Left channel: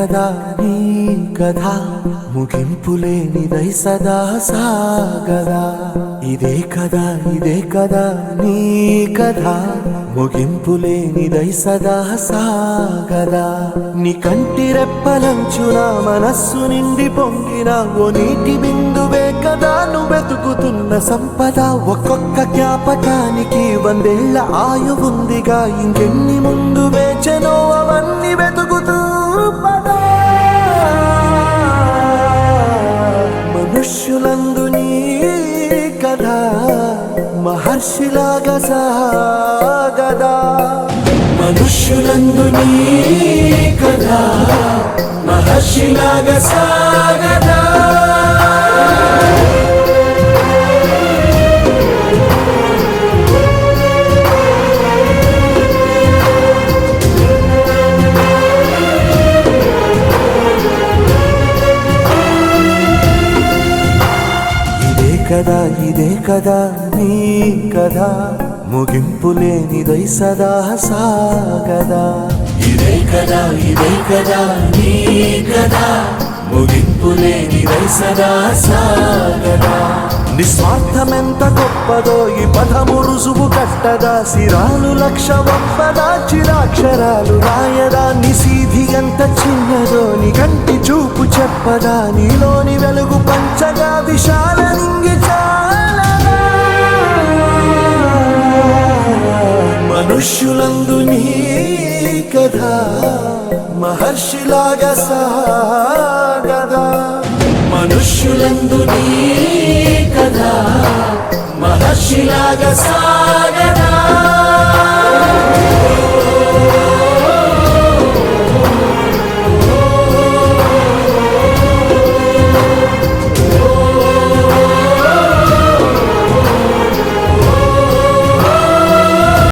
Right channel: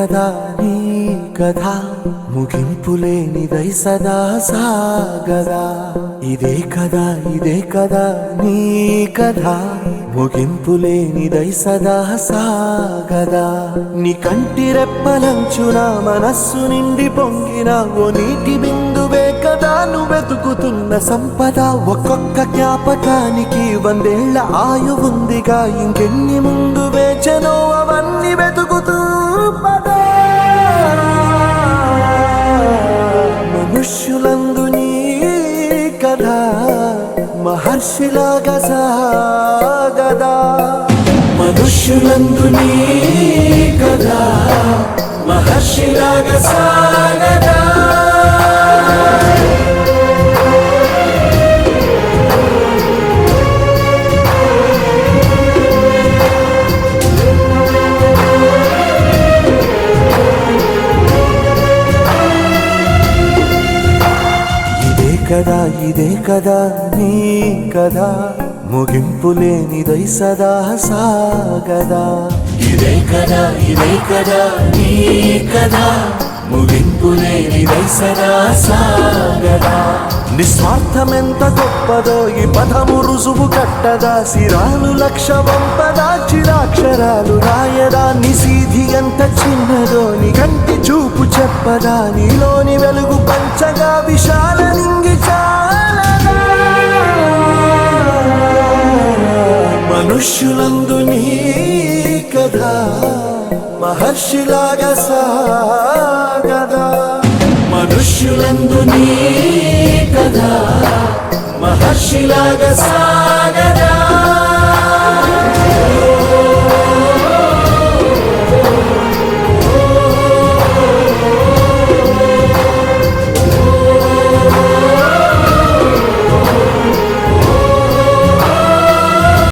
కదా నీ కథ ముగింపులేనిదై సదా సాగదా. ఇదే కదా నీ కథ ముగింపులేనిదై సదా సాగదా. నీ కంటి రెప్పలంచున మనస్సు నిండి పొంగిన ఓ నీటి బిందువే కదా నువ్వెతుకుతున్న సంపద. ఒక్కొక్క జ్ఞాపకానికి 100 ఏళ్ల ఆయువుందిగా, ఇంకెన్ని ముందు వేచనో అవన్నీ వెతుకుతూ పదా. మనుష్యులందు నీ కథ మహర్షిలాగా సాగదా. మనుష్యులందు నీ కథ మహర్షిలాగా సాగదా. ఇదే కదా నీ కథ ముగింపులేనిదై సదా సాగదా. ఇదే కదా నీ కథ ముగింపులేనిదై సదా సాగదా. నిస్వార్థమెంత గొప్పదో ఈ పదము రుజువు కట్టదా. సిరాలు లక్ష వంపదా, చిరాక్షరాలు రాయదా. నిశీధి ఎంత చిన్నదో నీ కంటి చూపు చెప్పదా. నీలోని వెలుగు పంచగా విశాల నింగి చాలదా. మనుష్యులందు నీ కథ మహర్షిలాగా సాగదా. మనుష్యులందు నీ కథ మహర్షిలాగా సాగదా.